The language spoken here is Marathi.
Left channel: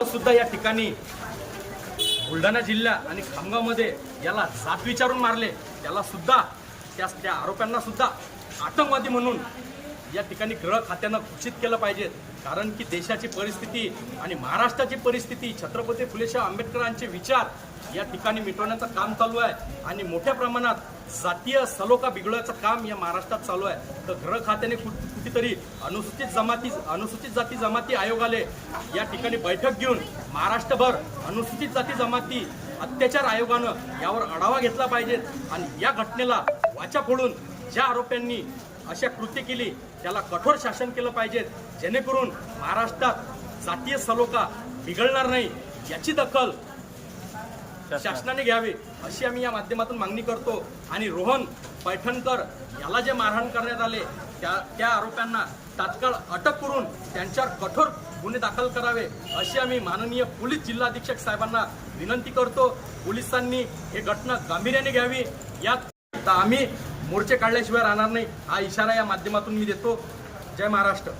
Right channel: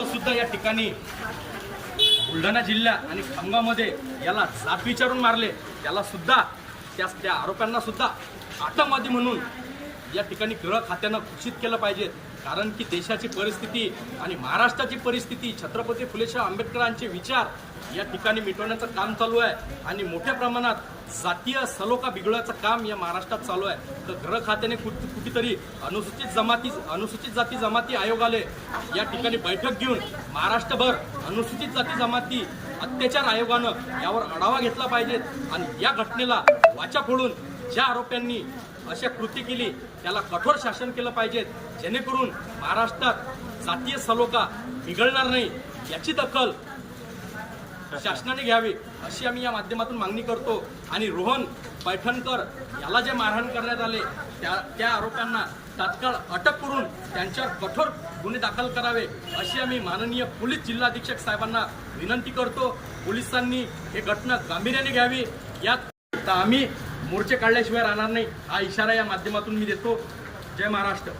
सुद्धा या ठिकाणी बुलढाणा जिल्हा आणि खामगावमध्ये याला जात विचारून मारले. त्याला सुद्धा त्या त्या आरोपांना सुद्धा आतंकवादी म्हणून या ठिकाणी गृह खात्यानं घोषित केलं पाहिजे. कारण की देशाची परिस्थिती आणि महाराष्ट्राची परिस्थिती छत्रपती फुलेशाह आंबेडकरांचे विचार या ठिकाणी मिटवण्याचं काम चालू आहे. आणि मोठ्या प्रमाणात जातीय सलोखा बिघडवायचं काम या महाराष्ट्रात चालू आहे. तर गृह खात्याने कुठ कुठेतरी अनुसूचित जमाती अनुसूचित जाती जमाती आयोगाले या ठिकाणी बैठक घेऊन महाराष्ट्रभर अनुसूचित जाती जमाती अत्याचार आयोगानं यावर आढावा घेतला पाहिजे. आणि या घटनेला वाचा फोडून ज्या आरोप्यांनी अशा कृत्य केली त्याला कठोर शासन केलं पाहिजे. जेणेकरून महाराष्ट्रात जातीय सलोखा बिघडणार नाही याची दखल शासनाने घ्यावी अशी आम्ही या माध्यमातून मागणी करतो. आणि रोहन पैठणकर याला जे मारहाण करण्यात आले त्या त्या आरोपांना तात्काळ अटक करून त्यांच्यावर कठोर गुन्हे दाखल करावे अशी आम्ही माननीय पोलीस जिल्हाधीक्षक साहेबांना विनंती करतो. पोलिसांनी हे घटना गांभीर्याने घ्यावी. यात आम्ही मोर्चे काढल्याशिवाय राहणार नाही. हा इशारा या माध्यमातून मी देतो. जय महाराष्ट्र.